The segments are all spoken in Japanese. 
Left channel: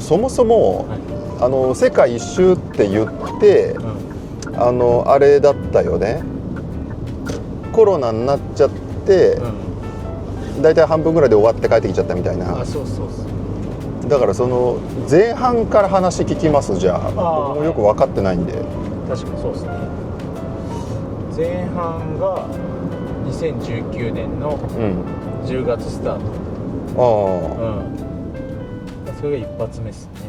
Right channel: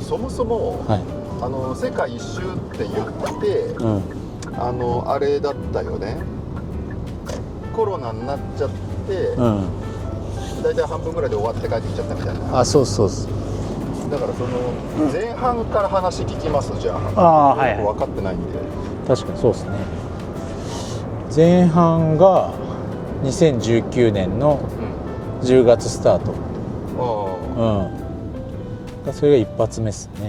そもそも、はい、世界一周って言って、あれだったよね、コロナになっちゃって、大体半分ぐらいで終わって帰ってきちゃったみたいな。そうそうそう。だからその前半から話聞きます。じゃあよく分かってないんで。確かにそうですね。前半が2019年の10月スタート。それが一発目ですね。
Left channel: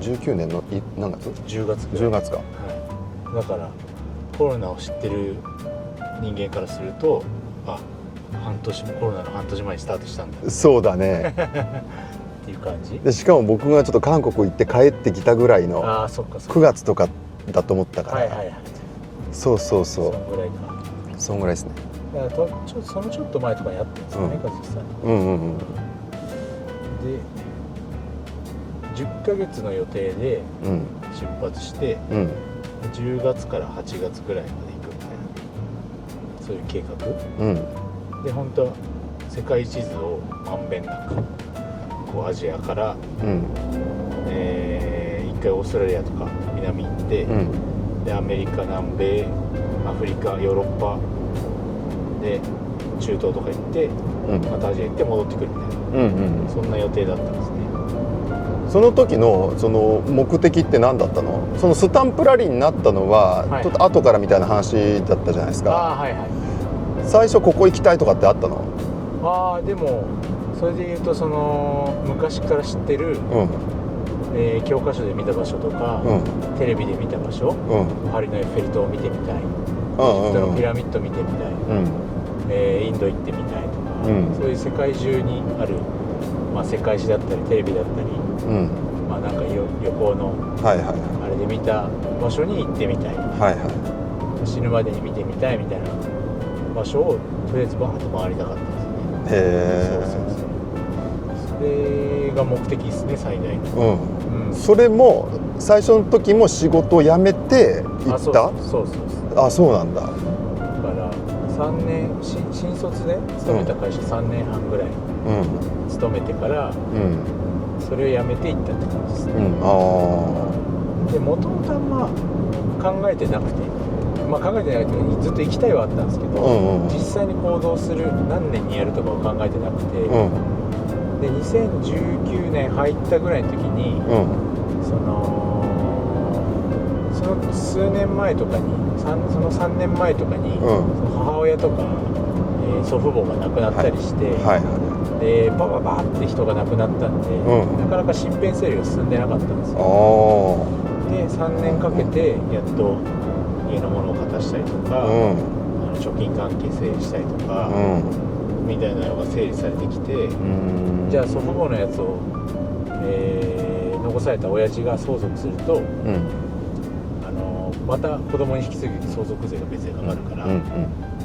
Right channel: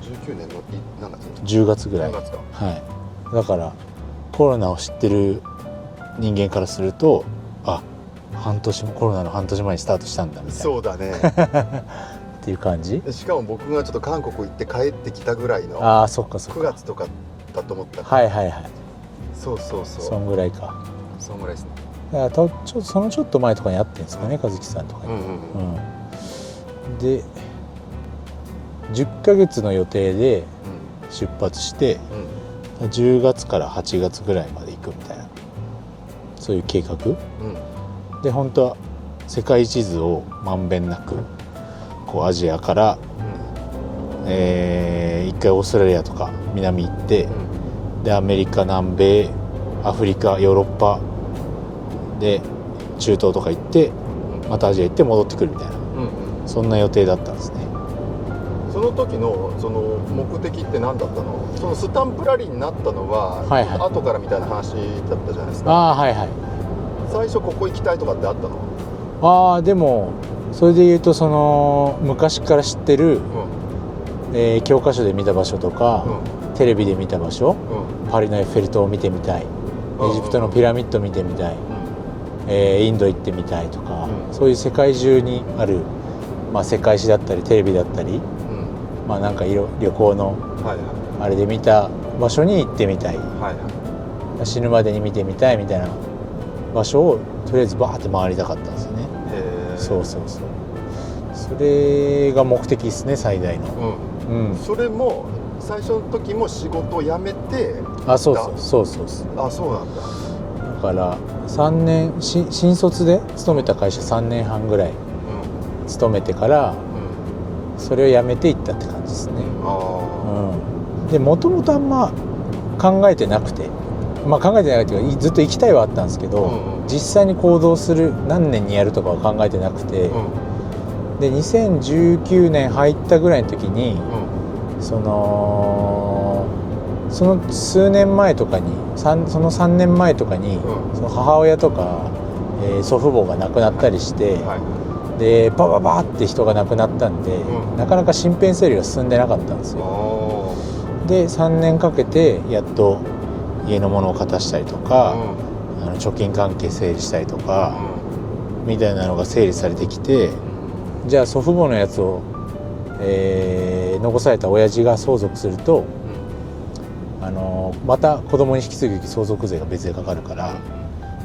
19年の何月？10月ぐらい。10月か。はい。だからコロナを知ってる人間からすると、コロナの半年前にスタートしたんだ。そうだね。っていう感じ。でしかも僕がちょっと韓国行って帰ってきたぐらいのそっか9月とかだと思ったから。はいはいはい。そうそうそう。そんぐらいか。そんぐらいですね。だからそのちょっと前とかに会ってるんですよね、和樹さんとか。で10ヶ月の予定で出発して、10月から8月ぐらいまで行くみたいな、そういう計画、で本当は世界地図をまんべんなくこうアジアから、一回オーストラリアとか南行って、でアメリカ、南米、アフリカ、ヨーロッパで中東とか行って、またアジア行って戻ってくるみたいな、そんな予定だったんですね。その時のその目的って何だったの？そのスタンプラリーになったのは、ちょっと後からみたいな話だったじゃないですか。最初ここ行きたいとかってあったの？でもそれで言うと、その昔から知ってる、教科書で見た場所とか、テレビで見た場所、パリのエッフェル塔を見てみたい、エジプトのピラミッド見てみたい、インド行ってみたいとか、そういう世界中にある、世界史だったりテレビだったり、なんか旅行のあれで見た場所に行ってみたい、死ぬまでに見てみたいみたいな場所をとりあえずバーッと回りたかったんですよね。そうそうそう。それが目的ですね、最大の。それも最初の時も仕事を辞めて行った？そうそう。そうなんだ。だから3年新卒で勤めた会社3年半ぐらい勤めてから、それを辞めて行ったって感じですね。でもともとあんま考えてなくて、考えてなくてずっと行きたいはあったんですけど、実際に行動する何年にやるとかは考えてなくて、で2019年入ったぐらいの時に、その数年前とかにその3年前とかに、その母親とか、祖父母が亡くなったりして、でバババーって人が亡くなったんで、なかなか身辺整理が進んでなかったんですよ。で3年かけてやっと家のものを片したりとか、貯金関係整理したりとか、みたいなのが整理されてきて、じゃあ祖父母のやつを、残された親父が相続すると、また子供に引き継ぐ相続税が別でかかるから、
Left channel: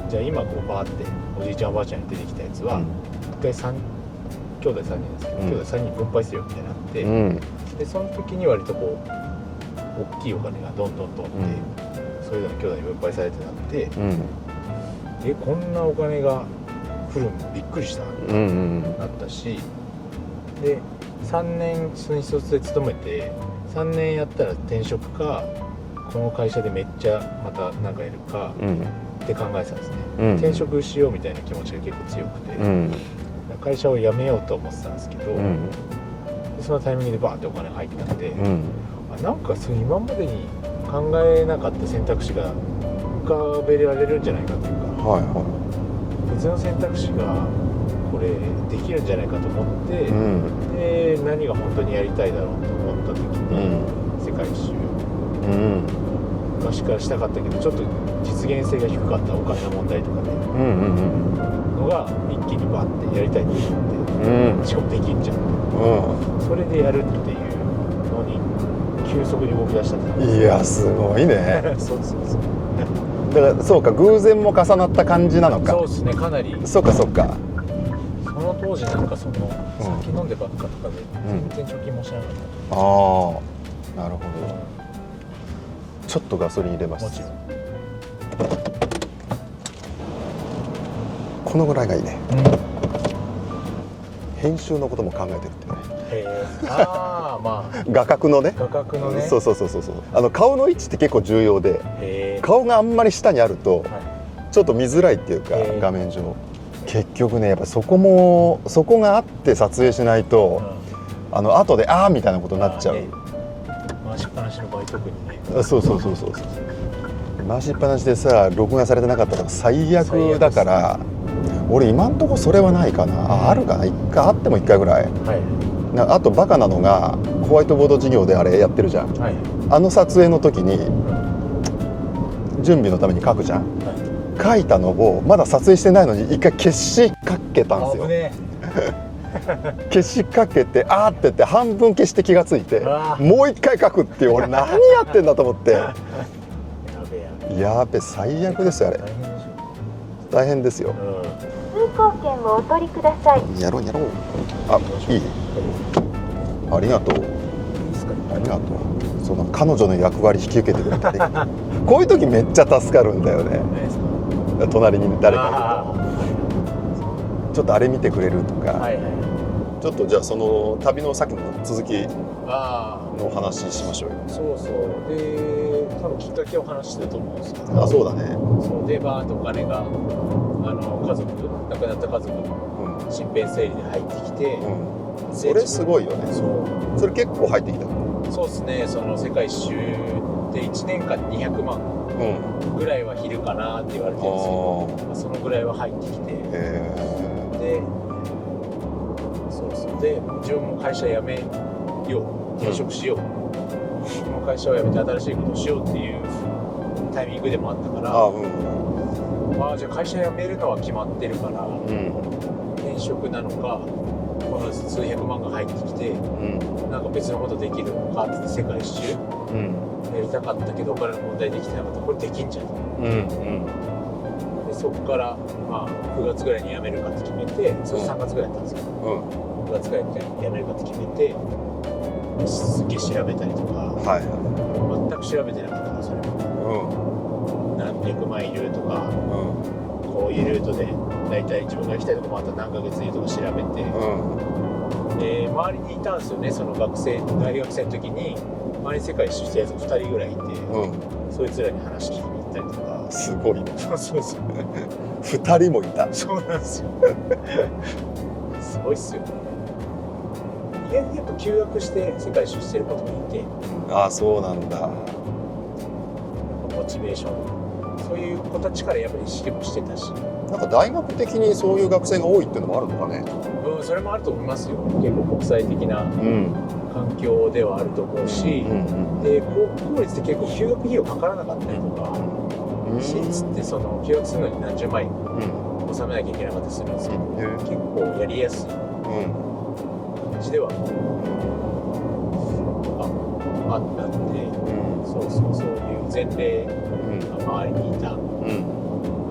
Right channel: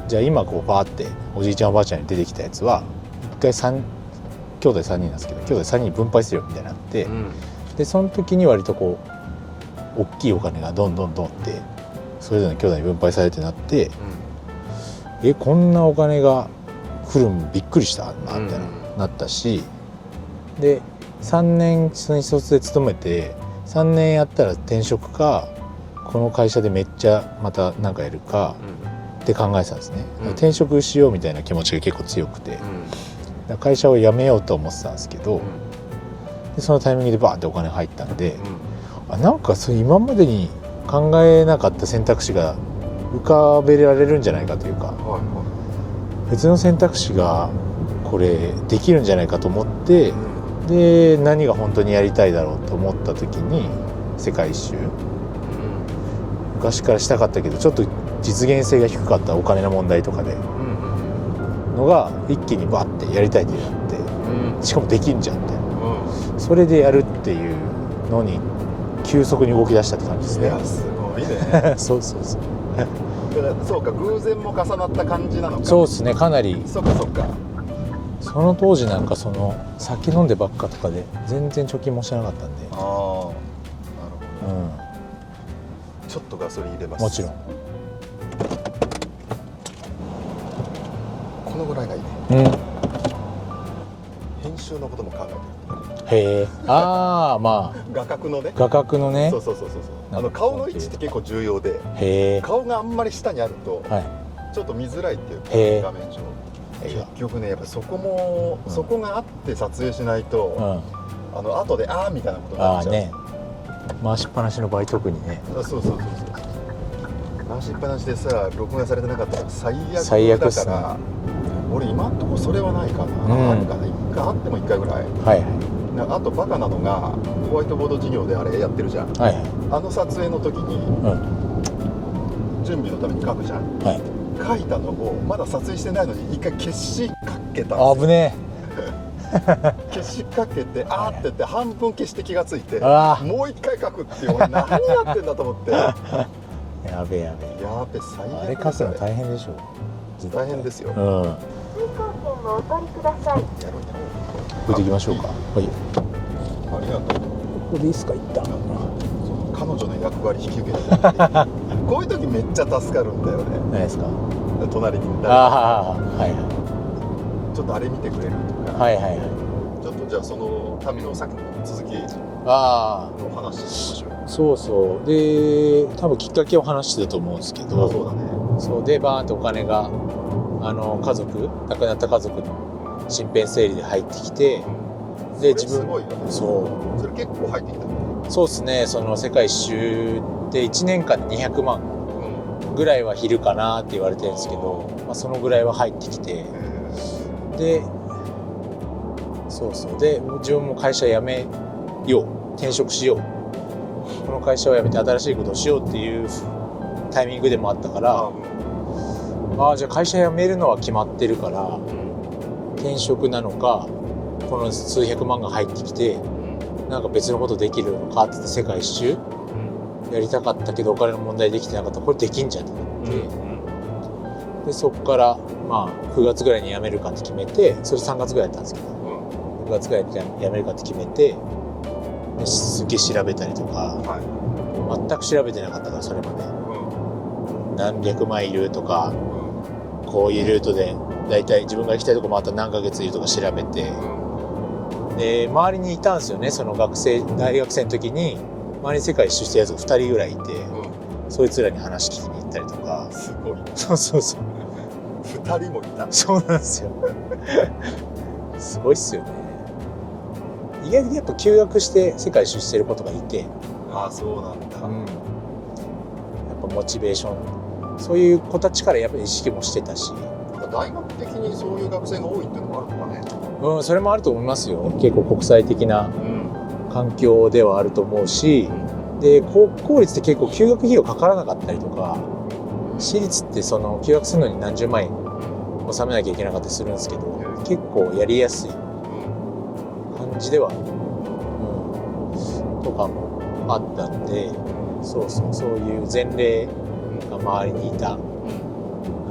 じゃあ今こうバーっておじいちゃんおばあちゃんに出てきたやつは一回兄弟3人ですけど、兄弟3人に分配するよみたいになって、でその時に割とこう大きいお金がどんどんってそれぞれの兄弟に分配されてなって、こんなお金が来るのびっくりしたなみたいななったし、で3年新卒で勤めて3年やったら転職かこの会社でめっちゃまた何かやるかって考えてたんですね。転職しようみたいな気持ちが結構強くて、会社を辞めようと思ってたんですけど、でそのタイミングでバーってお金が入ったんで、なんかそう今までに考えなかった選択肢が浮かべられるんじゃないかというか、別の選択肢がこれできるんじゃないかと思って、で何が本当にやりたいだろうと思った時に、世界一周、昔からしたかったけどちょっと実現性が低かったお金の問題とかで、のが一気にバッてやりたいって言って、しかもできんじゃんみたいな、それでやるっていうのに急速に動き出したって感じですね。いやすごいね。そうだからそうか、偶然も重なった感じなのか。そうですね、かなり。そうか。その当時なんかその酒飲んでばっかとかで全然貯金もしなかったんで。なるほど、ちょっとガソリン入れます。もちろん。このぐらいがいいね。編集のことも考えてるってね。へえ。ああ、まあ画角のね。画角のね。そう顔の位置って結構重要で、顔があんまり下にあるとちょっと見づらいっていうか、画面上結局ね、やっぱそこがあって撮影しないと、後でみたいなことになっちゃう。回しっぱなしの場合特にね。そう回しっぱなしでさ、録画されてなかったら最悪だから、俺今んとこそれはないかな。あるかな、あっても1回ぐらい。あとバカなのがホワイトボード授業であれやってるじゃん。あの撮影の時に準備のために書くじゃん。書いたのをまだ撮影してないのに1回消しかけたんですよ。危ねえ。消しかけてって言って半分消して気がついて、もう1回書くっていう、俺何やってんだと思って。やべえ、最悪ですよあれ。大変でしょ。大変ですよ。通行券をお取りください。やろう。行きましょうか。ありがとう。いいですか、一旦。その彼女の役割引き受けてるってこういう時めっちゃ助かるんだよね。ないですか。隣に誰かちょっとあれ見てくれるとか。ちょっとじゃあその旅の先の続きの話しましょうよ。そうで、多分きっかけを話してたと思うんですけど。そうだね。そうで、バーンとお金が亡くなった家族の身辺整理で入ってきて、それすごいよね。それ結構入ってきた。そうですね。その世界一周で1年間200万ぐらいは昼かなって言われてるんですけど、そのぐらいは入ってきて、でで自分も会社辞めよう、転職しよう、この会社を辞めて新しいことをしようっていうタイミングでもあったから、じゃあ会社辞めるのは決まってるから、転職なのかこの数百万が入ってきて、なんか別のことできるのかって言って世界一周、やりたかったけどお金の問題できてなかった。これできんじゃんと思って、でそこから9月ぐらいに辞めるかって決めて、それ3月ぐらいやったんですけど、9月ぐらいに辞めるかって決めて、すっげえ調べたりとか、全く調べてなかったからそれまで、何百マイルとか、こういうルートでだいたい自分が行きたいとこ回ったら何ヶ月いるとか調べて、で周りにいたんですよね。その大学生の時に周りに世界一周してるやつが2人ぐらいいて、そいつらに話聞きに行ったりとか。すごい。そう2人もいた。そうなんですよ。すごいっすよね。意外にやっぱ休学して世界一周してる子とかいて。そうなんだ。やっぱモチベーション、そういう子たちからやっぱ意識もしてたし。なんか大学的にそういう学生が多いっていうのもあるのかね。それもあると思いますよ。結構国際的な環境ではあると思うし、で公立って結構休学費用かからなかったりとか、私立ってその休学するのに何十万円納めなきゃいけなかったりするんですけど、結構やりやすい感じではとかもあったんで、そういう前例が周りにいたの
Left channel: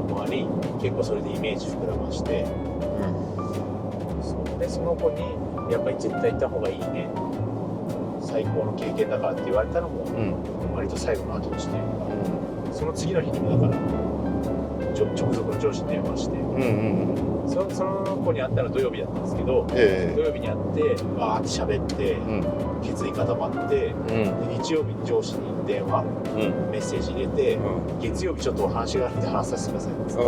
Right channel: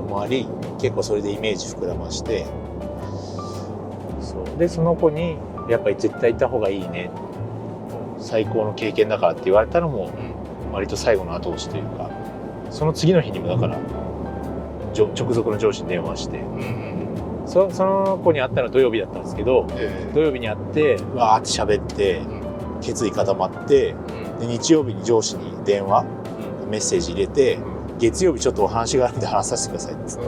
もあり、結構それでイメージ膨らまして、でその子にやっぱり絶対行った方がいいね、最高の経験だからって言われたのも割と最後の後押しというか、その次の日にもだから直属の上司に電話して、その子に会ったのは土曜日だったんですけど、土曜日に会ってわーって喋って、決意固まって、で日曜日に上司に電話、メッセージ入れて、月曜日ちょっとお話があるんで話させてくださいっつっ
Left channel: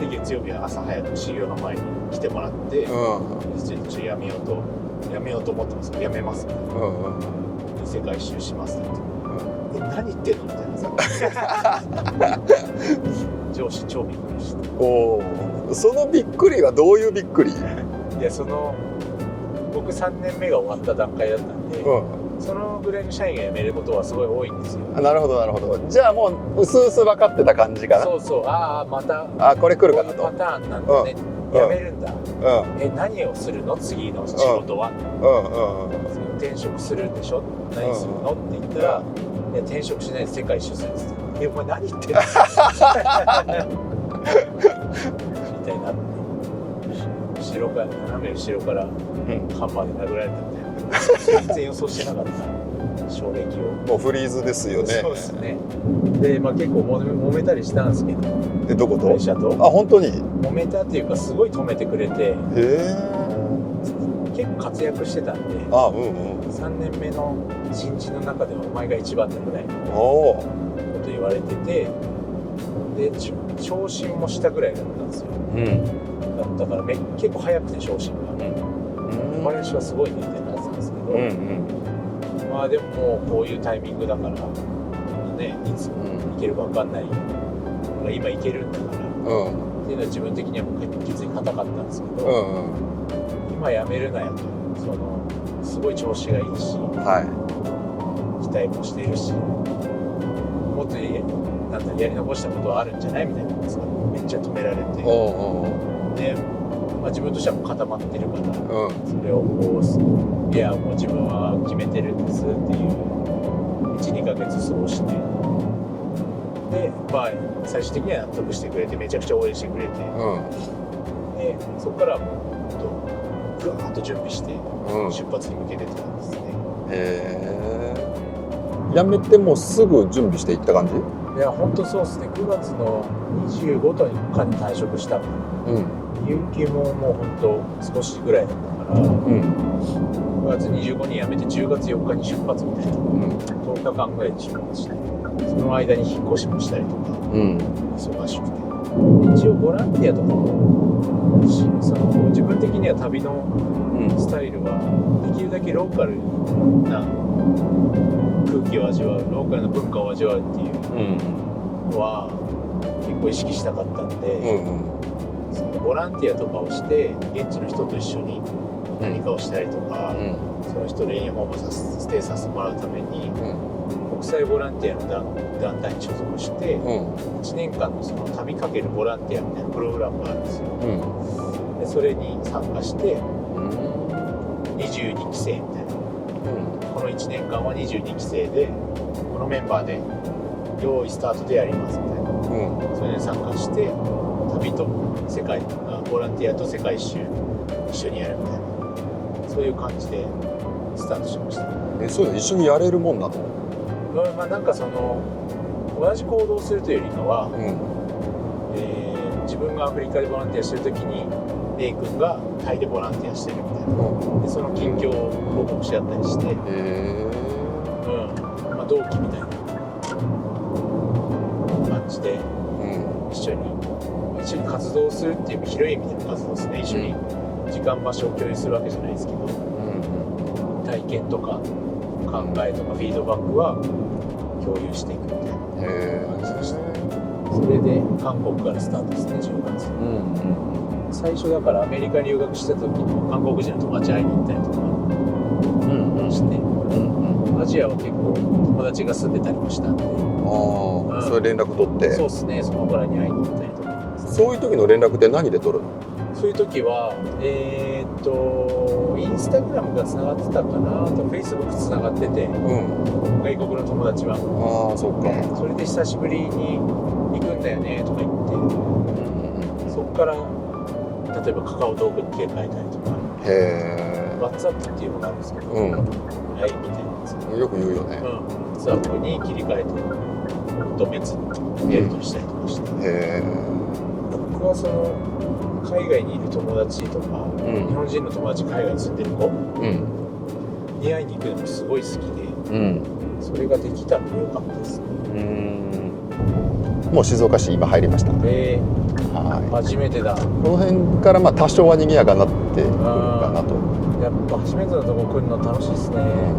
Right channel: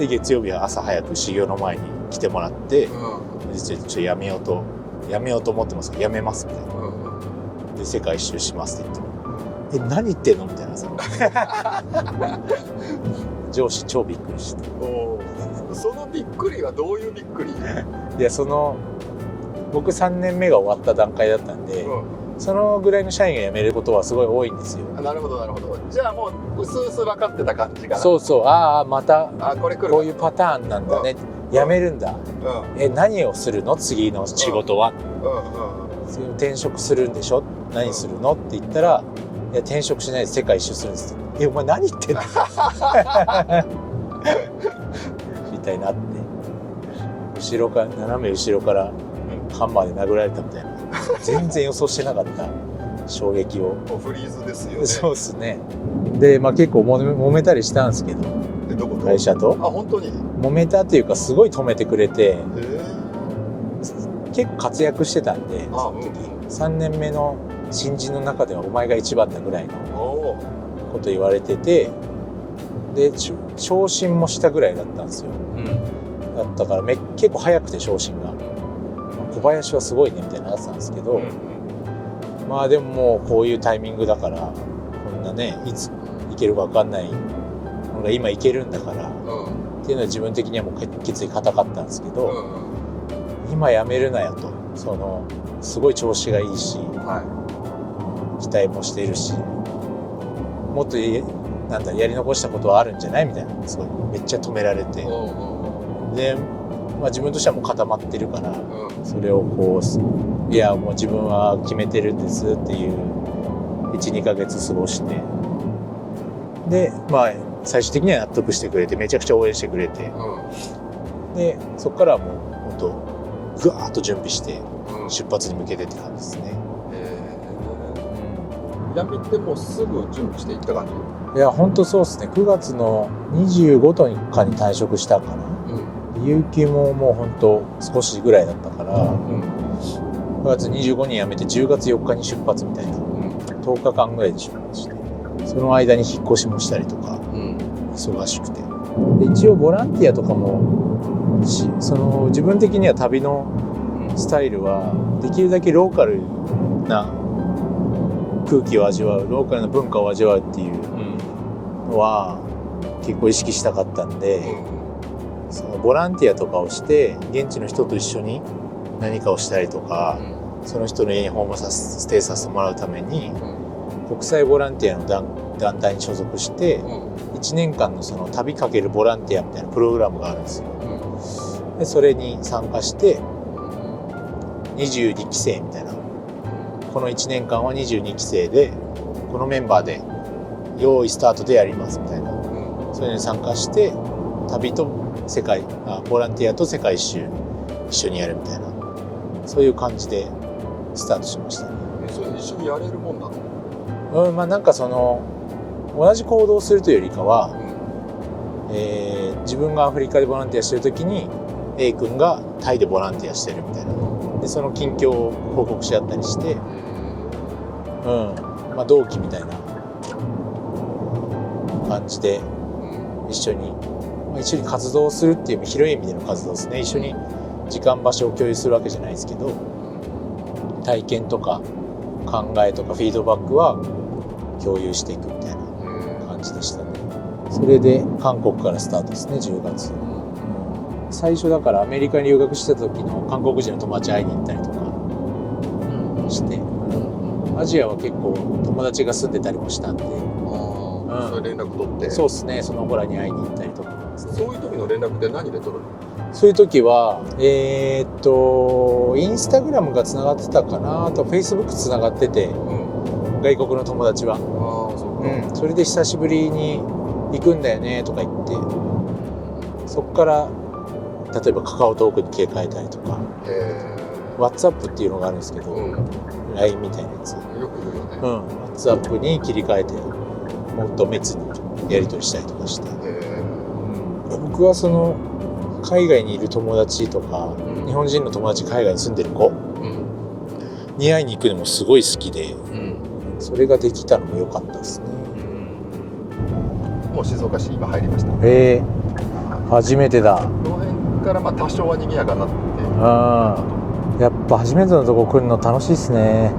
て、で月曜日は朝早く修行の前に来てもらって、実はちょっとやめようと思ってますけど、やめますみたいな、で世界一周しますって言って、何言ってんのみたいなさ上司超びっくりして。そのびっくりはどういうびっくり？いや、僕3年目が終わった段階だったんで、そのぐらいの社員が辞めることはすごい多いんですよ。なるほど。じゃあもううすうす分かってた感じかな。そうまたこれ来るか、こういうパターンなんだね、辞めるんだ、何をするの次の仕事は、転職するんでしょ、何するのって言ったら、いや転職しないで世界一周するんですって。お前何言ってんのみたいになって、斜め後ろからハンマーで殴られたみたいな、全然予想してなかった衝撃を。もうフリーズですよね。そうですね。で、結構揉めたりしたんですけど、どこと？会社と。本当に？揉めたっていうか、すごい止めてくれて、結構活躍してたんで、3年目の新人の中ではお前が一番だぐらいのこと言われてて、で昇進もしたぐらいだったんですよ、だったから結構早くて昇進が、小林はすごいねみたいなやつなんですけど、まあでももうこういうタイミングだから、ね、いついけるか分かんない、今いけるんだから、っていうのは自分的にはもう決意固かったんですけど、今やめるなよと、すごい調子がいいし、期待もしているし、もっとやり残したことはあるんじゃないみたいなのがめっちゃ止められて、で、自分としてはもう固まってるから、それをこう、いやもう自分は決めてるんですっていう 1,2 ヶ月過ごして、で最終的には納得してくれて、めちゃくちゃ応援してくれて、でそこからはもうぐわーっと準備して出発に向けてって感じですね。やめてもうすぐ準備していった感じ？いや本当そうですね。9月の25とかに退職したかな、有給ももう本当少しぐらいだったから、9月25に辞めて10月4日に出発みたいな、10日間ぐらいで出発して、その間に引っ越しもしたりとか、忙しくて、一応ボランティアとかも自分的には旅のスタイルはできるだけローカルな空気を味わう、ローカルな文化を味わうっていうのは結構意識したかったんで、そのボランティアとかをして現地の人と一緒に何かをしたりとか、その人の家に訪問ステイさせてもらうために、国際ボランティアの団体に所属して、1年間のその旅かけるボランティアみたいなプログラムがあるんですよ、でそれに参加して22期生みたいな、この1年間は22期生でこのメンバーで用意スタートでやりますみたいな、それに参加して旅とボランティアと世界一周一緒にやるみたいな、そういう感じでスタートしましたね。そういうの一緒にやれるもんなの？なんか同じ行動をするというよりかは、自分がアフリカでボランティアしてる時に A 君がタイでボランティアしてるみたいな、でその近況を報告し合ったりして、同期みたいな感じで一緒に活動するっていう広い意味での活動ですね。一緒に時間場所を共有するわけじゃないですけど、体験とか考えとかフィードバックは共有していくみたいな感じでしたね。それで韓国からスタートですね、10月。最初だからアメリカに留学してた時の韓国人の友達会いに行ったりとかして、アジアは結構友達が住んでたりもしたんで、それ連絡取って。そうですね、その子らに会いに行ったりとか。そういう時の連絡って何で取るの？そういう時はインスタグラムがつながってたかな、あとフェイスブックつながってて、外国の友達は。そっか。それで久しぶりに行くんだよねとか言って、そこから例えばカカオトークに切り替えたりとか、WhatsApp っていうのがあるんですけど、LINE みたいなやつよく言うよね。WhatsApp に切り替えてもっと別にやり取りしたりとかして、僕は海外にいる友達とか、日本人の友達海外に住んでる子に会いに行くのもすごい好きで、それができたのも良かったですね。もう静岡市今入りました。初めてだ。この辺から多少は賑やかになってるかなと。やっぱ初めてのとこ来るの楽しいですね。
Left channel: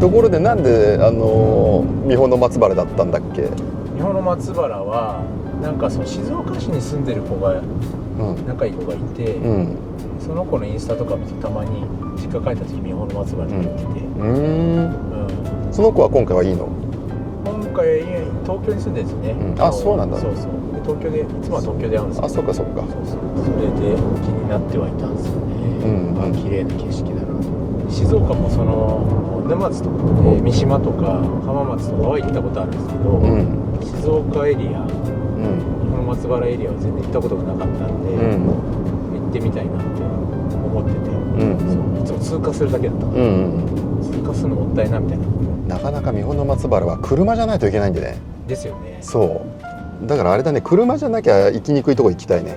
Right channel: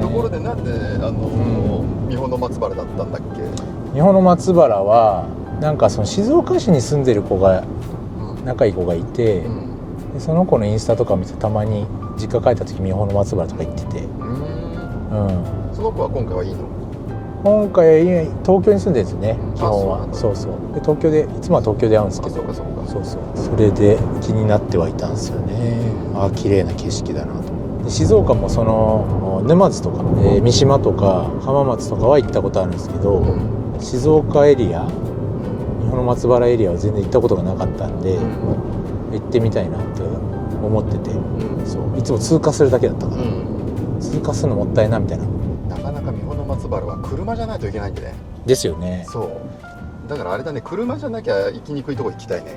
ところでなんで三保の松原だったんだっけ？三保の松原はなんか静岡市に住んでる子が、仲いい子がいて、その子のインスタとか見てたまに実家帰った時三保の松原とか行ってて、その子は今回はいいの？今回東京に住んでるんですね。そうなんだ。そうそう。で東京でいつもは東京で会うんですけど。そうかそうか。それで気になってはいたんですよね。綺麗な景色だなと。静岡も沼津とか、三島とか浜松とかは行ったことあるんですけど、静岡エリア、三保の松原エリアは全然行ったことがなかったんで、行ってみたいなって思ってて、いつも通過するだけだったから、通過するのもったいなみたいな。なかなか三保の松原は車じゃないといけないんでね。ですよね。そうだからあれだね、車じゃなきゃ行きにくいとこ行きたいね。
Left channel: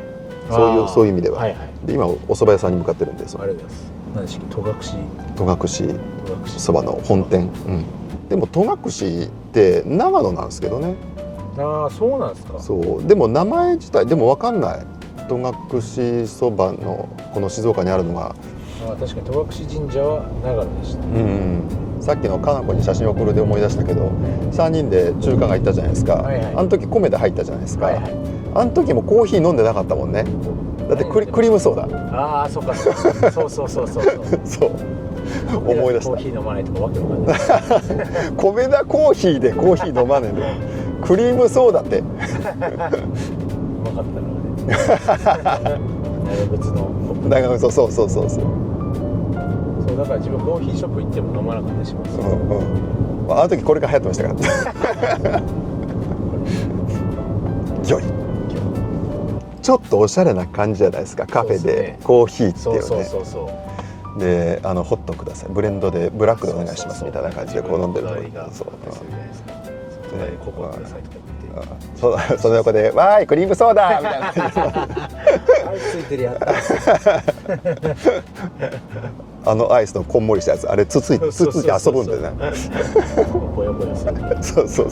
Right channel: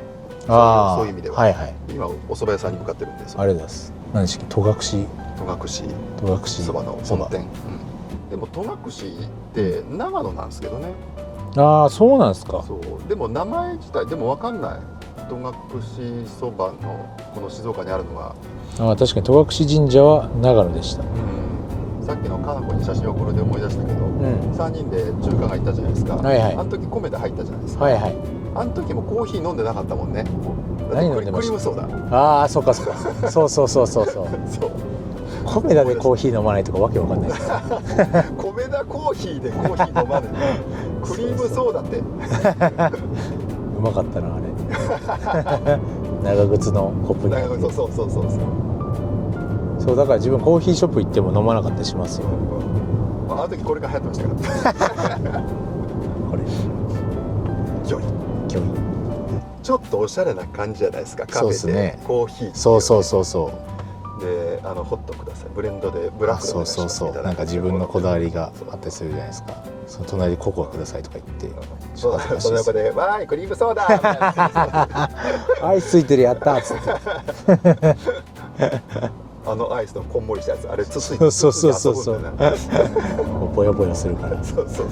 そういう意味では、はいはい、で今お蕎麦屋さんに向かってるんです。ありがとうございます。何でしたっけ、戸隠そばの本店、でも戸隠って長野なんですけどね。ああ、そうなんですか。そうでも名前自体でも分かんない。戸隠そばのこの静岡にあるのが、確かに戸隠神社は長野でした。さっきのかなこに写真送るで思い出したけど、3人で中華街行ったじゃないですか、あの時米田入ったじゃないですか、あの時もコーヒー飲んでなかったもんね。だってクリームソーダ。ああ、そうかそうかそうそうそう米田でコーヒー飲まないとかわけわかんない米田コーヒーでコーヒー飲まねえのクリームソーダってうまかったなあれ長靴のコップ。長靴、そうだから自分コーヒーショップ行っても飲まなかったりしますよ。あの時これが流行ってましたからギョリちょっとおしゃれな感じじゃないですか、カフェでコーヒーっていうね。そうでホットください、ブレンドでブラックでお願いしますみたいな感じで、自分のこだわりがあったりするじゃないですか。その隣でココアくださいとか言って、その横で「わーいクリームソーダ!」みたいなアイスついてる、やったーアイスのこんもりしたやつ、あれつついて遊ぶんだよな。ボヨボヨする。そう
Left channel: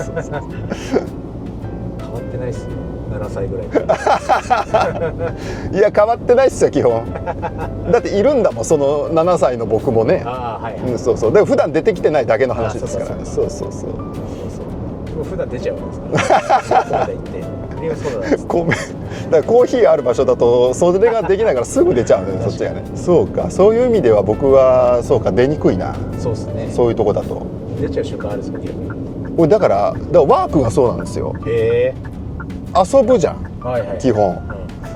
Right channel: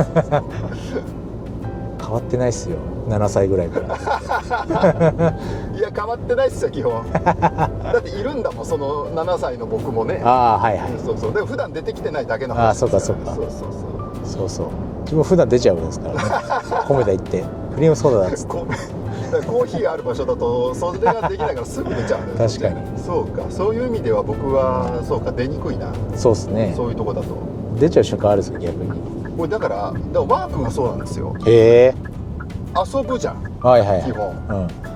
変わってないっすよ、7歳ぐらいからいや変わってないっすよ基本だっているんだもん、その7歳の僕もね。そうで普段出てきてないだけの話ですから。そう自分普段出ちゃうんですから米田行ってクリームソーダなんですだからコーヒーある場所だとそれができないからすぐ出ちゃうのよ。確かに。そうか、そういう意味では僕はそうか、出にくいな。そうですね、そういうとこだと出ちゃう瞬間あるんですよ逆に。だからワークがそうなんですよ。へえ。遊ぶじゃん、基本。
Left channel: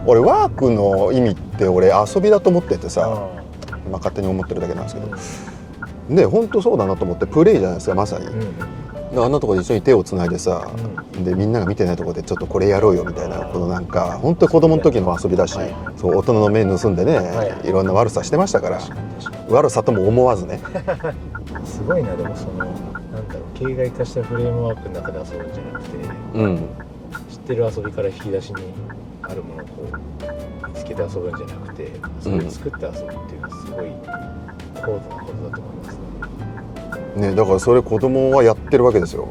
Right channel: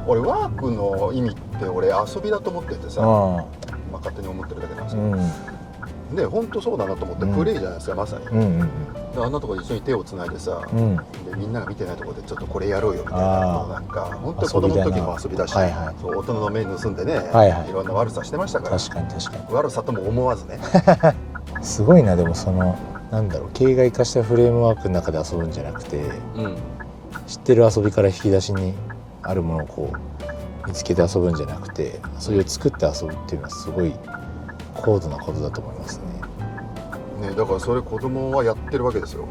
俺ワークの意味って俺遊びだと思っててさ、勝手に思ってるだけなんですけど、で本当そうだなと思って、プレイじゃないですかまさに。あんなとこで一緒に手をつないでさ、でみんなが見てないところでちょっとこれやろうよみたいな、このなんか本当に子供の時の遊びだし、そう大人の面盗んでね、いろんな悪さしてましたから。悪さとも思わずねすごいな。でもそのなんだろう、形骸化したフレームワークの中で遊ぶんじゃなくて、知ってる遊びから引き出しにあるものをこう見つけて遊ぶんじゃなくて、それを作って遊ぶっていうのはすごい高度なことだと思いますね。だからそれ子供はやってるわけですよ。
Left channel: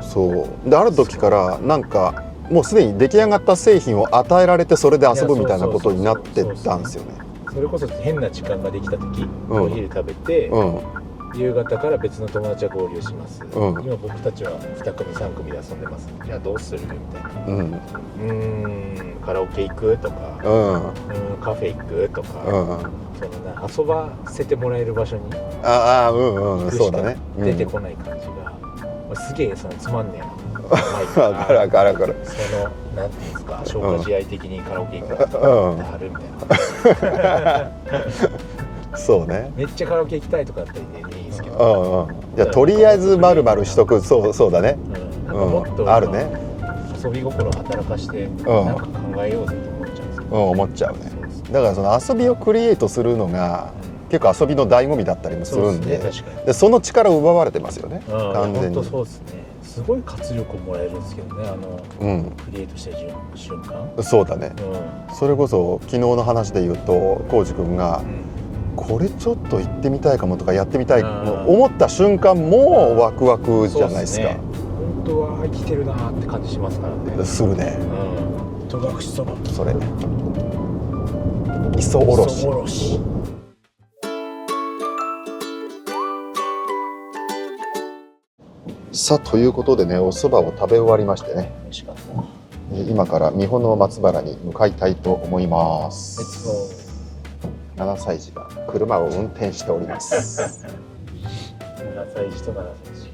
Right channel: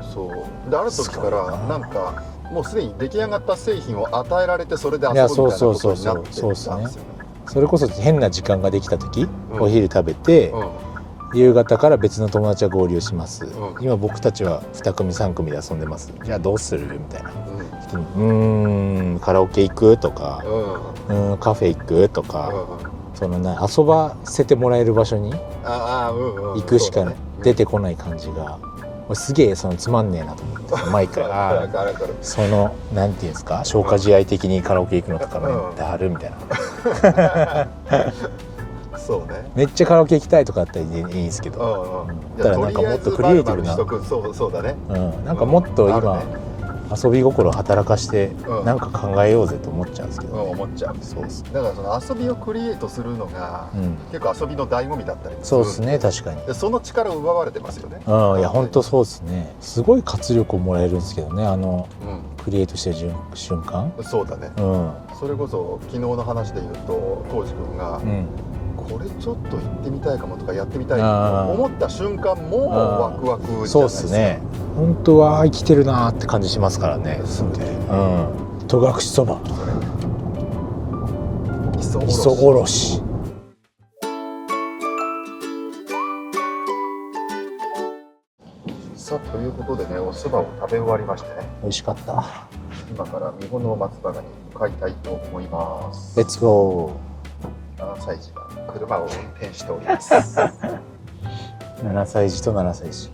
そうである時からなんかもうすでに出来上がった製品を与えられてそれで遊ぶみたいなことになってたんですよね。それこそ変な時間ができた時、お昼食べて、夕方から別の友達は合流します、今僕たちは2組3組で遊んでます、じゃあどうするみたいな、カラオケ行くとか、カフェ行くとか、そのね、遊ばせてもらえる場所に行くしか出てこない感じが、すげえそのつまんねえなと思って前からそのなんていうんですか、消化試合的にカラオケ行くのとかってあるみたいなそうね、めっちゃカラオケ行きたいとかっていいんですけど、いやとりあえずまるまるしとく。そうだね、なんかもっと今遊び心を働かしてなんか考えようぜと思っちゃうんですけど、思っちゃうね。だからその遊びをクリエイトするのが結構遊びの醍醐味だったりもするんで、確かにでその力を奪われてますよね。いや本当そうですね。すごい活力をもらえるんですけどね、クリエイトしてる瞬間。そうだね、それこそ昨日の話で言うと浩司君がこれちょっと行ってみたいかもとかやってみたいと思った瞬間もワクワクじゃないですか。本当は生きてるなって感じしますからね。するね。戸隠そば、それ磯おろし。さあということでね、お蕎麦を食べ終わりましてね、美味しかった。今から三保の松原に向かいたいと思います。レッツゴー。7歳児が車を運転しております7歳児と7歳児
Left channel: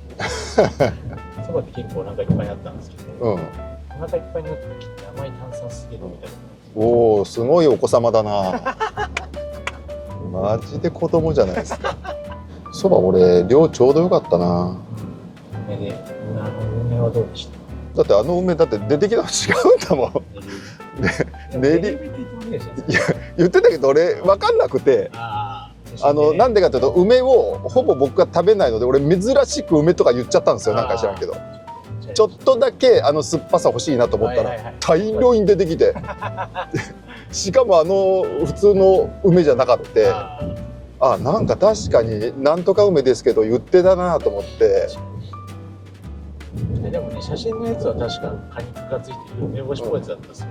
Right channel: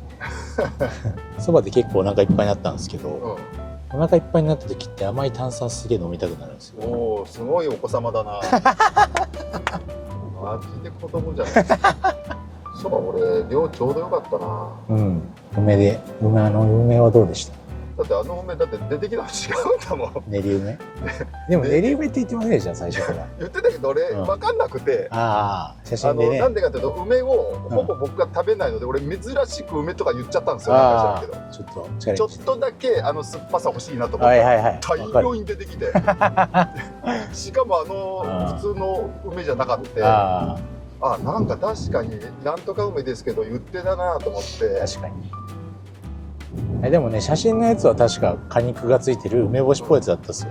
そばで結構お腹いっぱいになったんですけど、お腹いっぱいになった時って甘い炭酸すげえ飲みたくなるんですよ。おお、すごいお子様だなマジで子供じゃないですかそば俺量ちょうどよかったな。梅で梅はどうでした？だってあの梅だって出てきたの違うんだもん。練り梅でも練り梅って言ってませんでした最初から言ってたけど俺分かんなくて、写真で、ね、なんでかというと梅をほぼ僕が食べないので、俺珍しく梅とか言っちゃったんですよ。なんか知らんけどちょっとだけ酸っぱさ欲しいなと思ったら大量に出てきてしかも普通の梅じゃなかったなんか確かになんとか梅ですけど言ってたなと思って。確かにでもね写真のやつは確か果肉がついてる梅干しっぽいやつだったっすよ。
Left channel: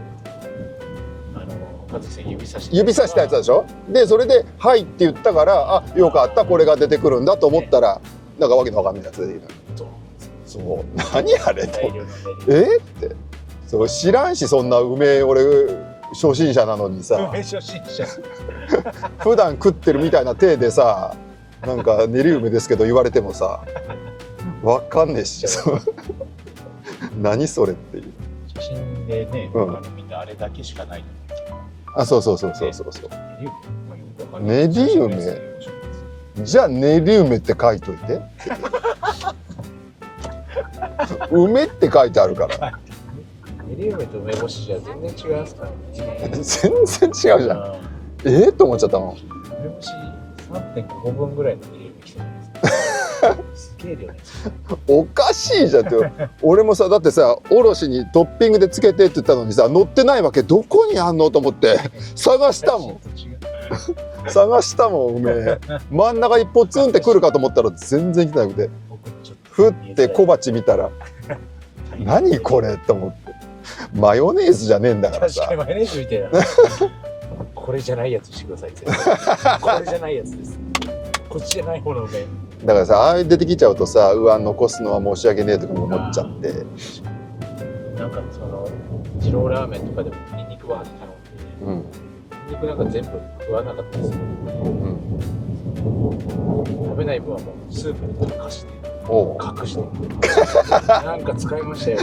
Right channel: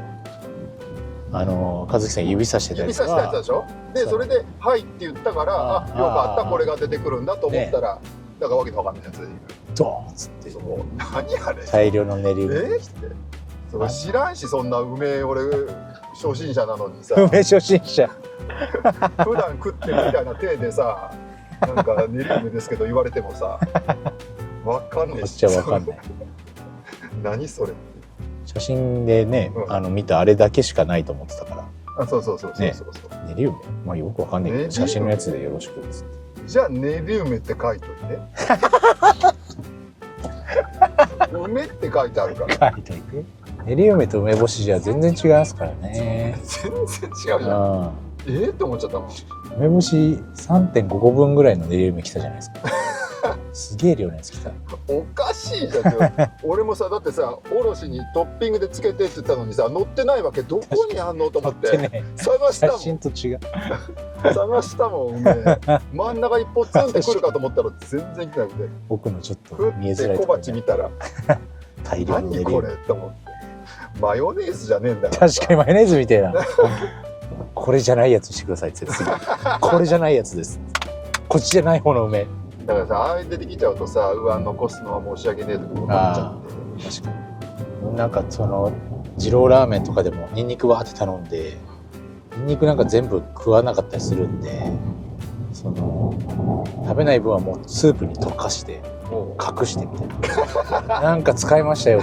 和樹さん指さしたやつでしょ。でそれで「はい」って言ったから「よかったこれが出てくるんだ」と思ったら、なんかわけのわかんないやつでドーンっつってそう何あれ大量の練り梅ってそう知らんし、そんな梅俺初心者なのにさ梅初心者普段食ってるみたいな体でさなんか練り梅ですけど言われてもさわかんねえし何それっていう写真でね、見たあれだけしかないと思ってたから。そう練り梅、まあよくわかんない写真のやつでよろしくです。じゃあ練り梅って書いといて梅って書いてあるから練り梅と梅干しじゃ全然違いますからね。全然違うじゃん。と思っちゃったもん。梅干し 3.5 個分ぐらいの練り梅来たじゃないですか。すげえ量なんですよ。おかしいじゃんって俺もさだってさおろしにトッピングでつけてって言ったのにさ乗ってないわけ、どこにあんのと思って探したもん探したもん梅真ん中一歩ツンってくるかと思ったら全然来なくて、僕のちょっとふって小鉢見たら何これと思って、マヨネーズじゃねえんだから確かにマヨネーズみたいなこれじゃないやつしてくださいってこれじゃないやつです、こっちじゃない方の梅だからさ、出てきちゃうとさ、残すのは申し訳ねえとか思っちゃって。確かになんかその二郎ラーメンとかでもニンニクわーって頼んで、ニンニクなんか全部食わなかったりするんで、その食べない分はもうスープに溶かして隠してみたいななんか使いましたよ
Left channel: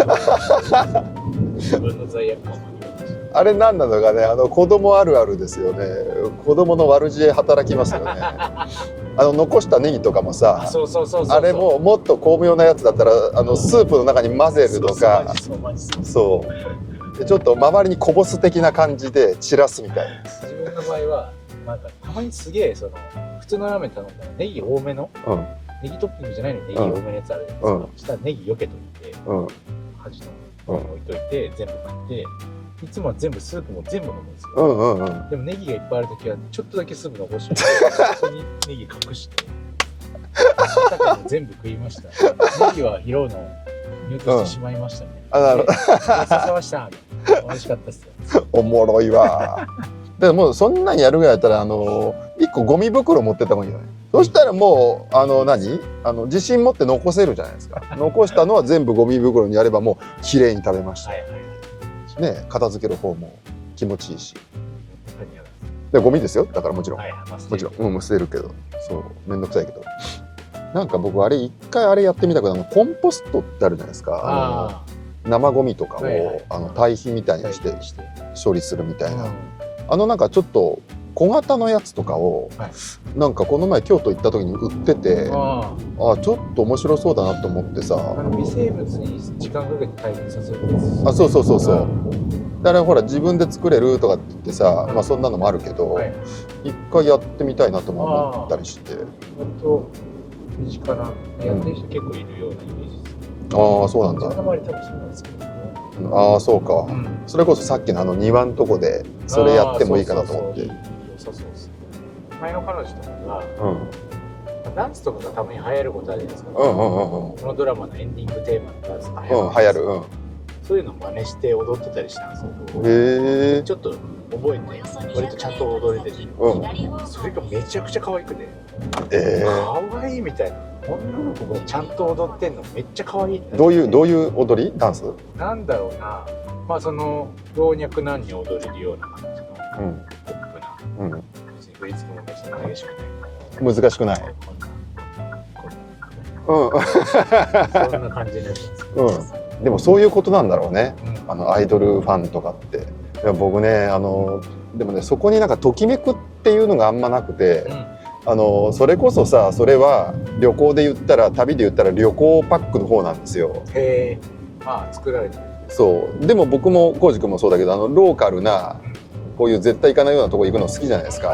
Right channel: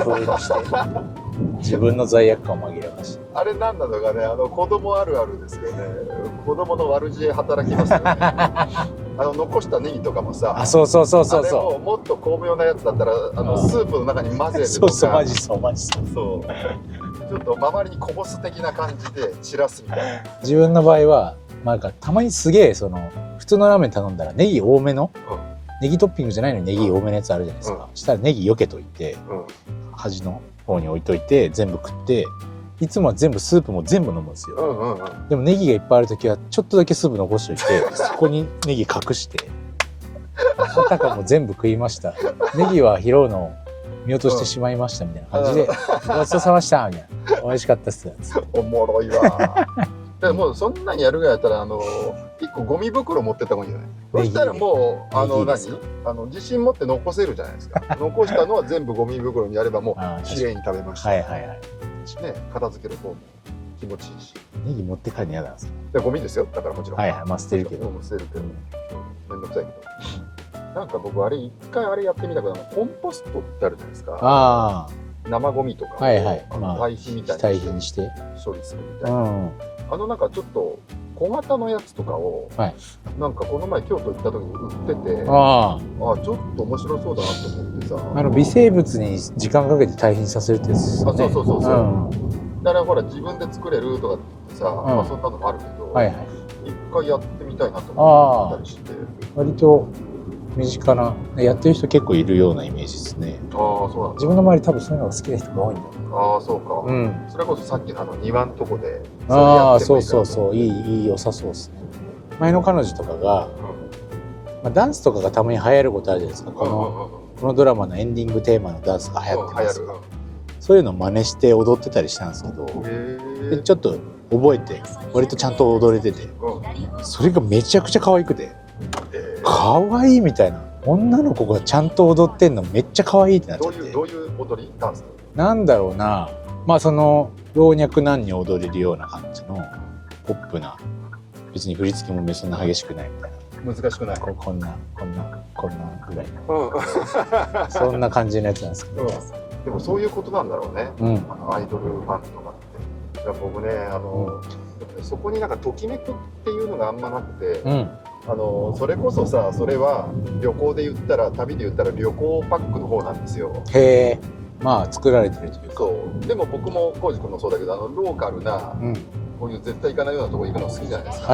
自分の罪悪感を紛らわして。あれ何なのかね、子供あるあるですよね。子供の悪知恵働きますよね残したネギとかもさ、あれももっと巧妙なやつだったらスープの中に混ぜるとか、そうでちょっと周りにこぼす的な感じで散らすみたいな。自分の場合はなんかたまにすげえ普通のラーメン頼んだらネギ多めの、ネギトッピングじゃないのにネギ多めのやつあるじゃないですか、そしたらネギ避けといて、端の方に置いといて全部食って、いつもは全部スープも全部飲むんですよ、でもネギがいっぱいある時はちょっとだけスープ残しておいてそこにネギ隠してあたかも全部食いました、ネギは拾うのを見落としてしまいましたみたいな感じで「ごちそうさまでした」みたいな「美味しかったっす」おもろいわでももうそんなにやるぐらいやったら1個ゴミ袋持ってった方がいいんじゃない？そしたらもう自信持って残せるじゃないですか残したのは全部ゴミ袋にやればもうきれいに食べました。ね、片付ける方も気持ちいいし。ネギ持って帰るの嫌なんですか？でゴミですよ、だからもちろん。まあ捨てるけど。もう捨てるけど、そう面倒くさいけど。なんか僕一回あれやってみたくて、コンポストってあるじゃないですか。生ゴミとかを堆肥みたいにして処理するみたいな。なんかちょっと小型のやつとかを、なんかこの前京都行った時に売ってて、ちょっと面白そうだなと思ってさ。微生物に時間かけて堆肥にさせるってやつ。そうだからほら自分で作れるとかって言ってさ、まあそんなのもあるけど、一回やってみたいなと思ったりして。割と身近なやってる人結構いるようなイメージですね。そうなんだ。自分の周り多分そういうのが好きな人が多いんだ。そうか。それこそさっきの庭のとこでそれやってもいいかなと思って。いい良さそうです。前の彼女とかがダンスとかがたまに流行ることあるじゃないですか。このドラマのエンディングテーマのダンスが流行る。そういうのを真似して踊ってたりしたんですけど、ちょっと覚えて割とちゃんと踊れてて、それがめちゃくちゃ可愛くて、可愛いみたいな、女の子がちゃんと踊ってんのめっちゃ可愛いってなって。どういう踊り？ダンス？なんだろうな、まあその老若男女踊れるような感じのポップな、別に振り付けも別に激しくないみたいな。難しくない。こんなぐらい。そんな感じのやつなんですけど。でもそういうことなんだろうね、アイドルファンとかって。いや僕ねでもね、そこになんかときめくっていうのがあんまなくて、それこそさ、それは旅行で言ったら旅で言ったら旅行パックの方なんですよ。まあ作られてるというか。そうでも僕も浩司君もそうだけどローカルな、こういう絶対行かないようなとこ行くの好きじゃないですか、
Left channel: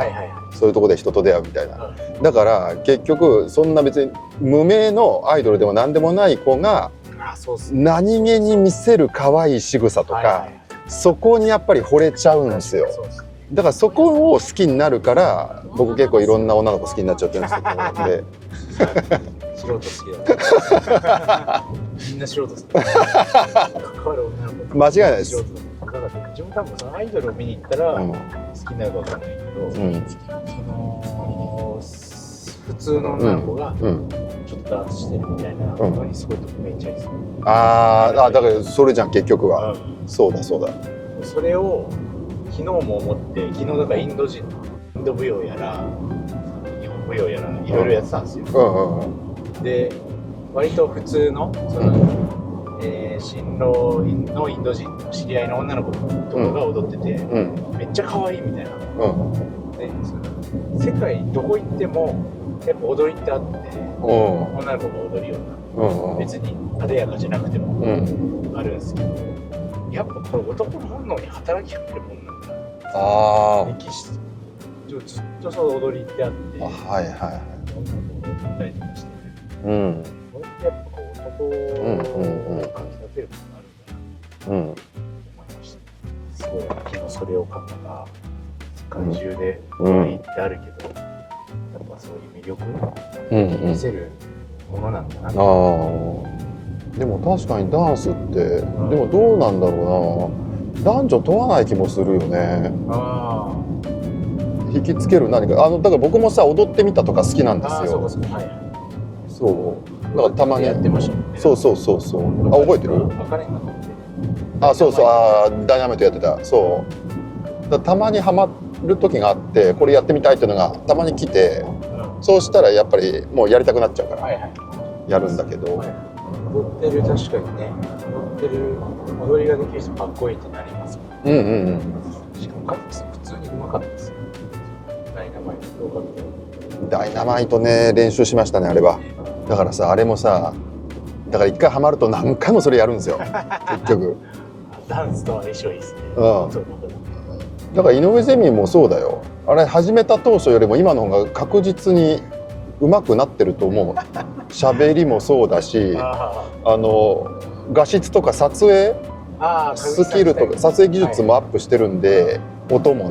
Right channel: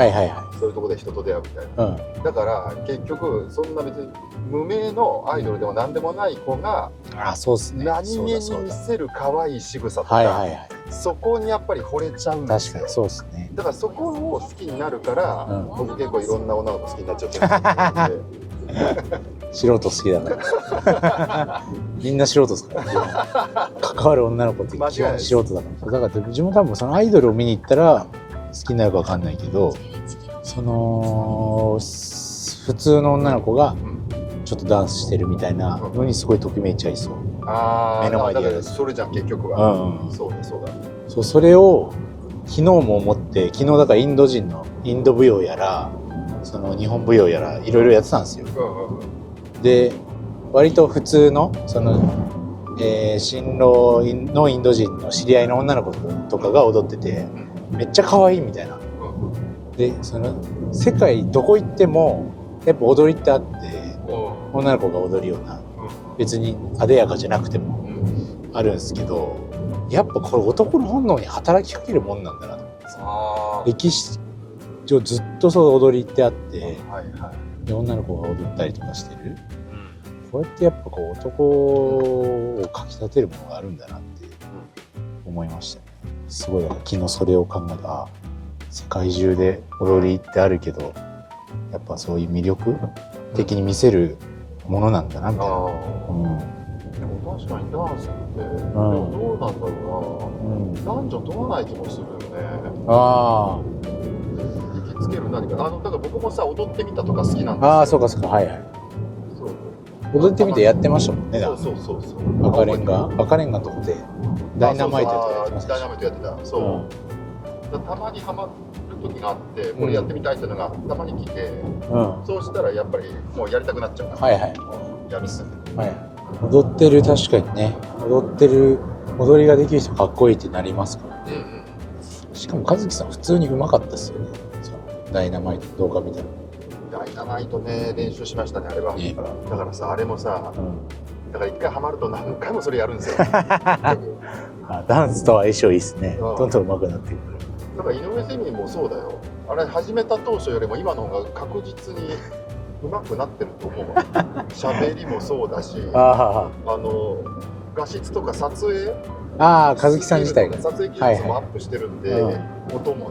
そういうとこで人と出会うみたいな、だから結局そんな別に無名のアイドルでも何でもない子が何気に見せる可愛い仕草とか、そこにやっぱり惚れちゃうんですよ。そうですね。だからそこを好きになるから、僕結構いろんな女の子好きになっちゃってるんですけど素人好きだからみんな素人ですから関わる女の子って間違いないです。素人だから自分多分そのアイドルを見に行ったら好きになるか分かんないけど、その普通の女の子がちょっとダンスしてるみたいなのにすごいときめいちゃいそう。だからそれじゃん結局は、そうだそうだ。それを昨日も思って、昨日だからインド人のインド舞踊やらその日本舞踊やらいろいろやってたんですよ。で割と普通のその、新郎のインド人の知り合いの女の子とかが踊ってて、めっちゃ可愛いみたいな。でその世界どこ行ってもやっぱ踊りってあって、女の子が踊るような、別に艶やかじゃなくてもあるんですけど、やっぱこれ男の本能に働きかけるもんなんだなと。歴史上ずっとその踊りってあって、で女の子が踊ったりとかしてる、こうやってやっぱこう男をかきたてるものがあるんだなって思いました。すごい昨日それを考えた。世界中で踊りってあるけど、やっぱそういう魅力的に見せるものなんだなって。でも確かにダンスって、でもどうなんだろうな、男女問わない気もするよね。引きつける何かだから僕もさ踊ってみたとか好きなんですよ。そうかそうか、そう踊ってみてやってましたもんね。そう覚えてる？赤レンガ取ってそうダイナマイトやってた。たまにハマる時があって、これやってみたいっていうのがたまに来て、そうしたらやっぱりもうやりたくなっちゃうからやるんだけど、踊ってる、確かにね、踊りができる人かっこいいってなりますから。しかも和樹さん普通にうまかったですよね。ダイナマイト動画みたいな。ダイナマイトね、練習しましたねあれは。だからさ、あれもさ、だから一回ハマると何回もそれやるんですよ結局。ダンスとは相性いいですね。どんどん上手くなっていく。だから井上ゼミもそうだよ。あれ始めた当初よりも今の方が確実に上手くなってると思う。喋りもそうだし、画質とか撮影スキルとか撮影技術もアップしてるんで、音も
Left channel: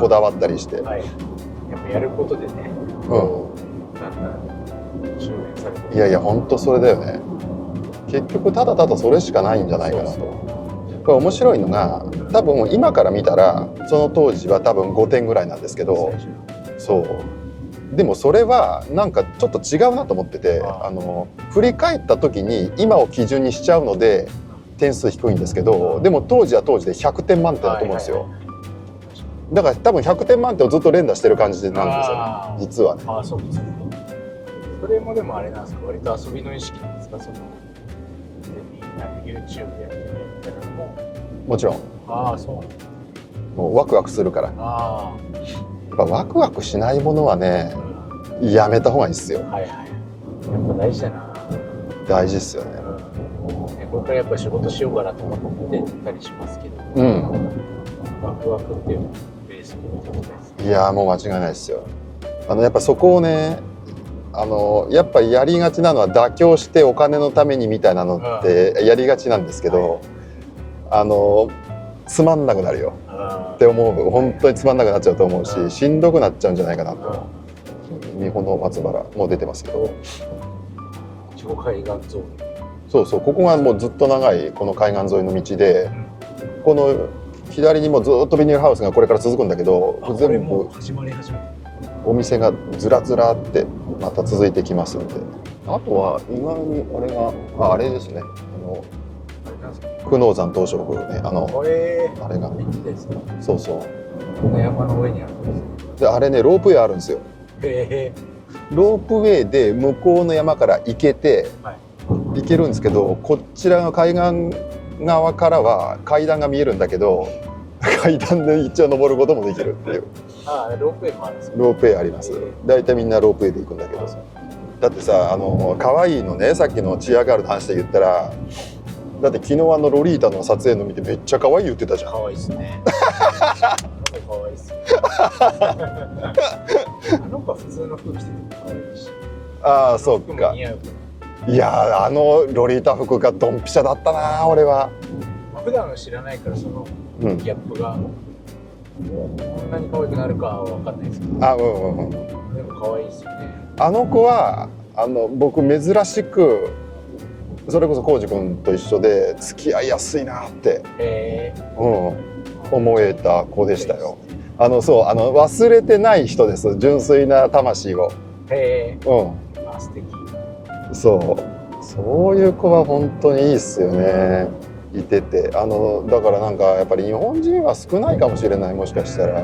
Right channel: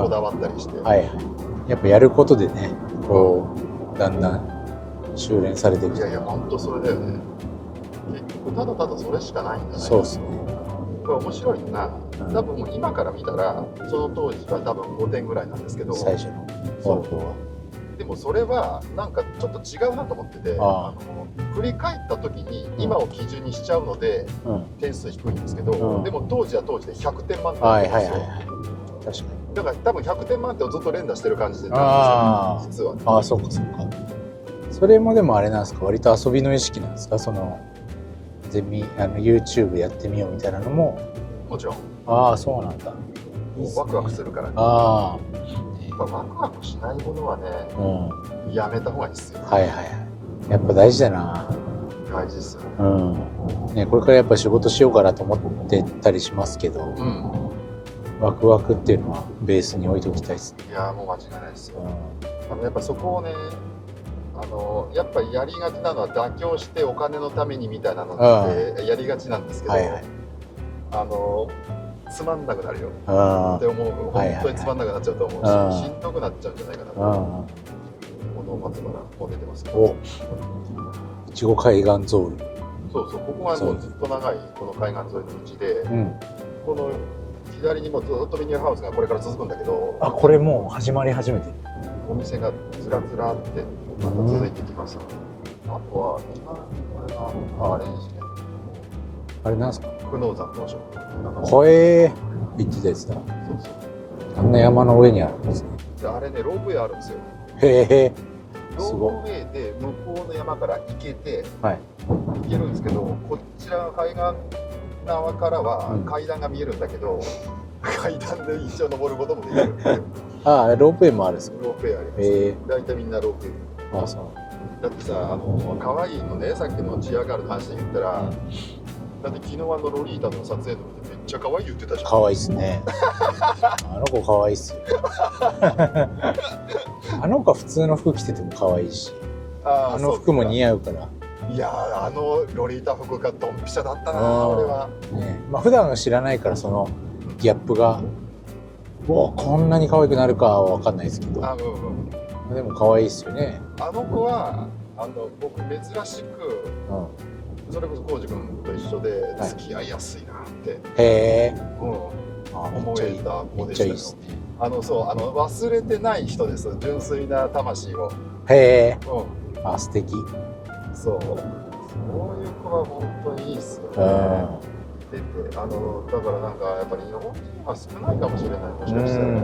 こだわったりして、やっぱやることでね、だんだん修練されてる。いや本当それだよね。結局ただただそれしかないんじゃないかなと。これ面白いのが、多分今から見たらその当時は多分5点ぐらいなんですけど、でもそれはなんかちょっと違うなと思ってて、振り返った時に今を基準にしちゃうので点数低いんですけど、でも当時は当時で100点満点だと思うんですよ。だから多分100点満点をずっと連打してる感じなんですよ実はね。そうかそうか。それもでもあれなんですか、割と遊びの意識なんですか、そのYouTube やってみようみたいなのも。もちろん。そうなんだ。もうワクワクするから。やっぱワクワクしないものはね、やめた方がいいですよ。やっぱ大事だな。大事ですよね。これからやっぱ仕事しようかなと思ってたりしますけど、ワクワクっていうのはベースに置いておきたいですね。いやもう間違いないですよ。やっぱそこをね、やっぱやりがちなのは妥協してお金のためにみたいなのってやりがちなんですけど、つまんなくなるよって思う。本当につまんなくなっちゃうと思うし、しんどくなっちゃうんじゃないかなと。日本の松原もう出てますけど、いちご海岸ゾーン。そうここがもうずっと長いこの海岸沿いの道で、この左にもずっとビニールハウスがこれから続くんだけど、これもう始まり始めてる。お店がずらずらってまた続いてきますので、あとは今にあれですね、あれなんですか、久能山東照宮ね、あれが行ってたやつだ。そう山の上にあるんですで、あれね、ロープウェイあるんですよ。ロープウェイで向こうの山から行けて、行けるんですけど、こちらの海岸側からは階段が見えるんだけど、階段で一応登ることもできるっていう。ロープウェイもあるんですか。ロープウェイあります。大体みんなロープウェイで行くんだけど、だってさ、可愛いのね、さっきのチアガールの話で言ったら、だって昨日ロリータの撮影の見てめっちゃ可愛い言ってたじゃん。可愛いっすねあの子可愛いっすあの子は普通の服着てても可愛いし、あの服も似合うから。いやロリータ服がドンピシャだったな俺は、まあ普段は知らないからそのギャップが、こんなに可愛くなるかは分かんないですけど、でも可愛いっすよね。あの子は僕珍しく、それこそ浩司君と一緒で付き合いやすいなって思えた子でしたよ。忘れてない人です。純粋な魂を。素敵。そういう子は本当にいいっすよね。いててだからなんかやっぱり日本人は少ないかもしれない。もしかしたら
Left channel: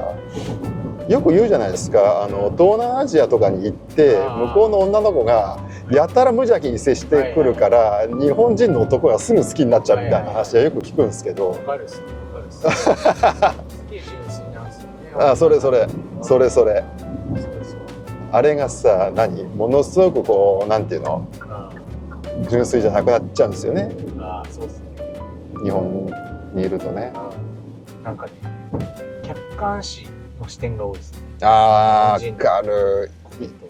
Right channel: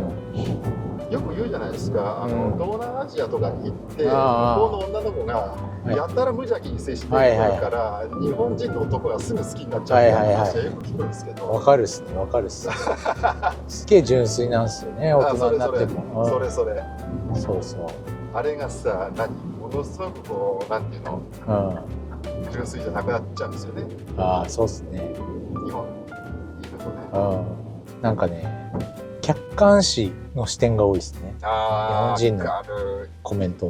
よく言うじゃないですか、東南アジアとかに行って向こうの女の子がやたら無邪気に接してくるから、日本人の男がすぐ好きになっちゃうみたいな話はよく聞くんですけど、わかるっすね、わかるっすすげえ純粋なんすよね。それそうあれがさ、ものすごくこうなんていうの、純粋じゃなくなっちゃうんですよね。そうっすね。日本にいるとね、なんかね、客観視の視点が多いですね。わかる。コメント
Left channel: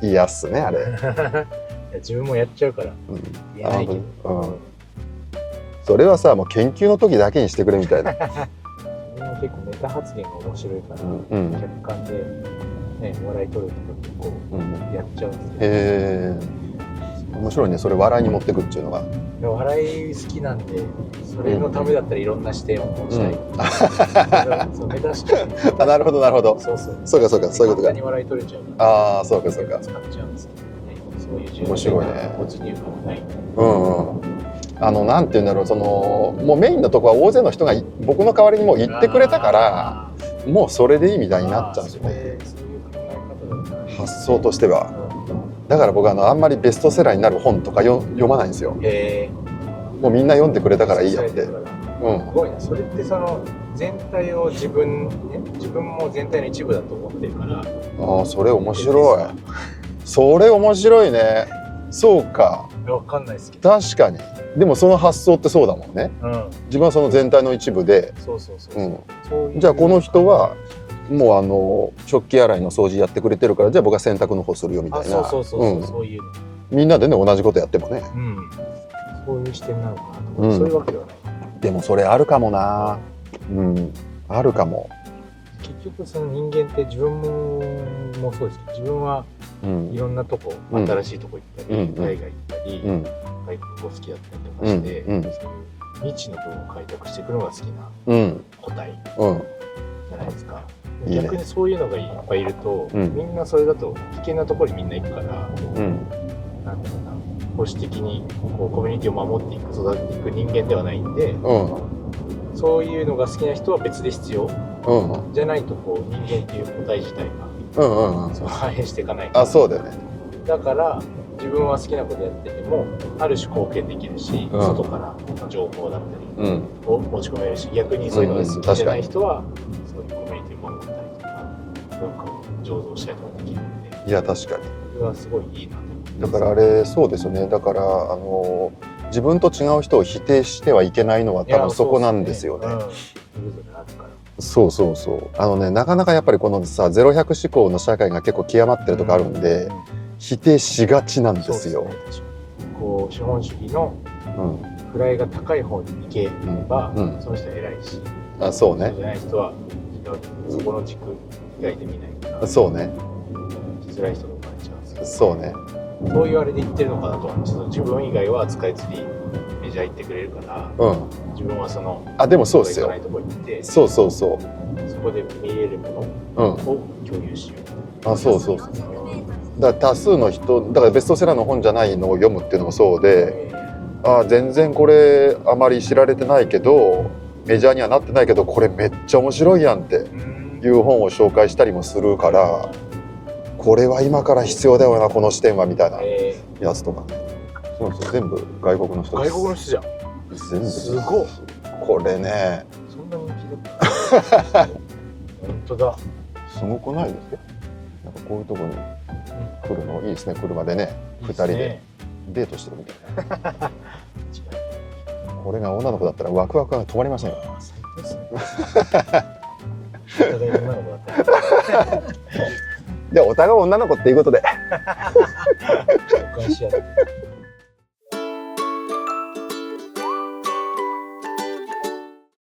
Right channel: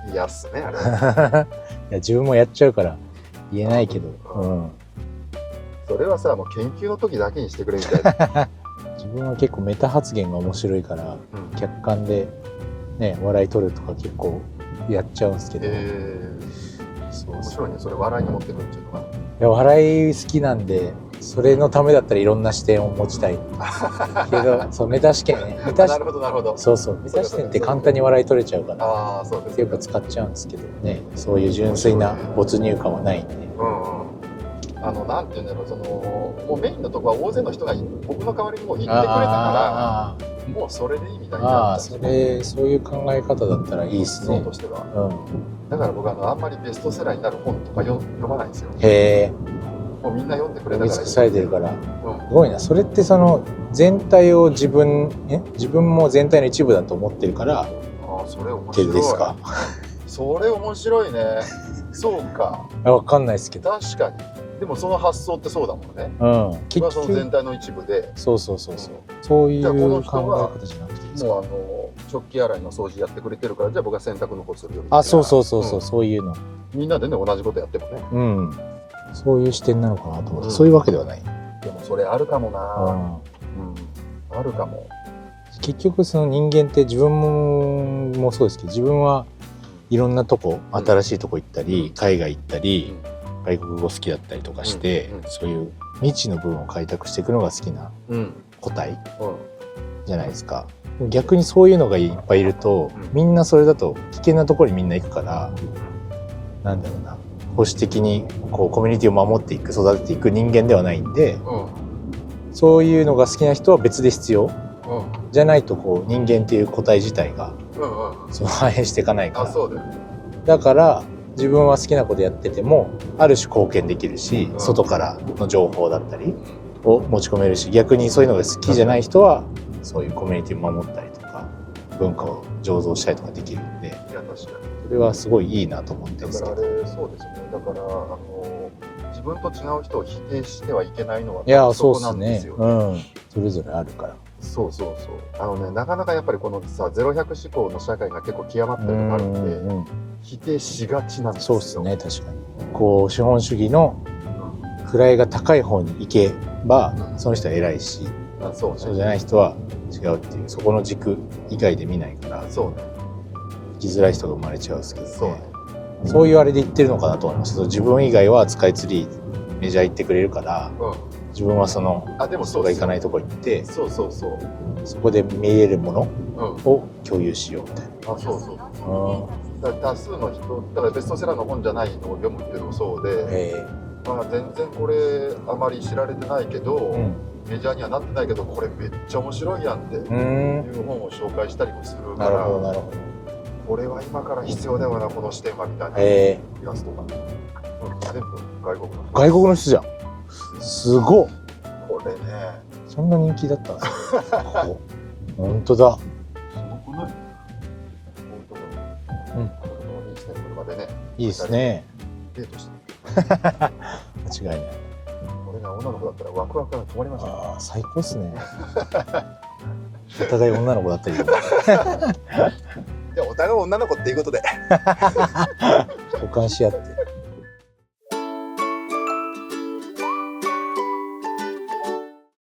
嫌っすねあれいや自分もやっちゃうから言えないけど、それはさもう研究の時だけにしてくれみたいな自分は結構メタ発言が面白いから、客観でね笑い取るとか結構やっちゃうんですけど、面白いね。それ笑いに持ってくっていうのが。いや笑い好きなんで、それのためだったらいろんな視点を持ちたい。そうメタ試験ね。なるほどなるほど。そう簡単に笑い取れちゃうから。そうか。使っちゃうんですけどね。そういう純粋な没入感はないんで。なんていうんだろう、もうメインのとこは大勢の人が僕の代わりにもう言ってくれたから、もうそれでいいみたいになっちゃうんですよ。そういう考え方だったらいいですね。そうとしては。だから僕あんまりベストセラーになる本とか読まないんですよ。もうみんな読んでくれたからいいやって。すごいな。それってその全体を自分も全体の一部だと思ってるから。それ面白い。それ面白いね。そうか。わかんないですけど。確かに。でもその発想ってそうだもんね。自分はその全体の一部で。そう。じゃあこの人はもう食器洗いの掃除やってくれてるから、じゃあ僕は洗濯の方するよみたいな。そういうの。みんなでね同じことやってもね。そういう視点なのかなと思って、そういうわけではない。でもそれあるかもな。あるかも。結局その人間って自分もそうですけど、自分はいろんなとこ、新しいとこ行ったり、海外行ったり、外国語好きだったりとかして、そういう未知の部分を開拓していくのが好きな個体じゃないですか。逆にそういうのがいっぱいいると、みんなそれだと危険なところにみんな行くから、なんだろうな、保守的にこうコミュニティを守っていく、育てていく人間ではないんで、そういうのが好きな人は別で必要。じゃないとこう人間っていう個体自体が反映していかないから。そうだよね。だから自分は好きなことやっててもある種貢献できるし、外からの情報だったりを持ち込めるし、逆にそういうのが好きじゃない人はそういうコミュニティを守ったりとか文化を醸造したりとかできるんで。いや確かにそれはすごいいいなと思って。だからあれそうですよね。だから自分と違う人を否定してはいけないのは多分そこなんですよね。それぞれあるから。そうなかなかやっぱりこのさ0-100思考の社会が結構極まってるとこあるんで、否定しがちなんですよ。そうですね、確かに。こう資本主義の位が高い方に行けば、その人は偉いし、そうじゃない人は違うっていう、そこの軸以外で見ないから、生きづらい人が生まれちゃうんですけど、そういうあれで言ってるのかなと思います。自分以外はスカイツリーメジャー行ってくれるから、自分はそのでもそうですよ。行かないとこ行って、そこで見れるものを共有しようみたいな。だから多数の人だからベストセラーの本じゃないのを読むっていうのもそうで、全然これあまり知られてないけど、メジャーにはなってないけどこれめっちゃ面白いやんっていう本を紹介したりもするから、これは今から必要だよなこの視点はみたいなやつとか。全部外国の人。外国の人じゃん。すごっ。これね。そんな人気だった。本当だ。すごくない？なんかこういうところに来るのいいですね。車でね。いいですね。デートしてるみたいな。間違いない。俺が女の子だったらワクワクが止まりません。最高っすね。お互い女の子だったけど。でお互い女の子っていうことで交換し合って。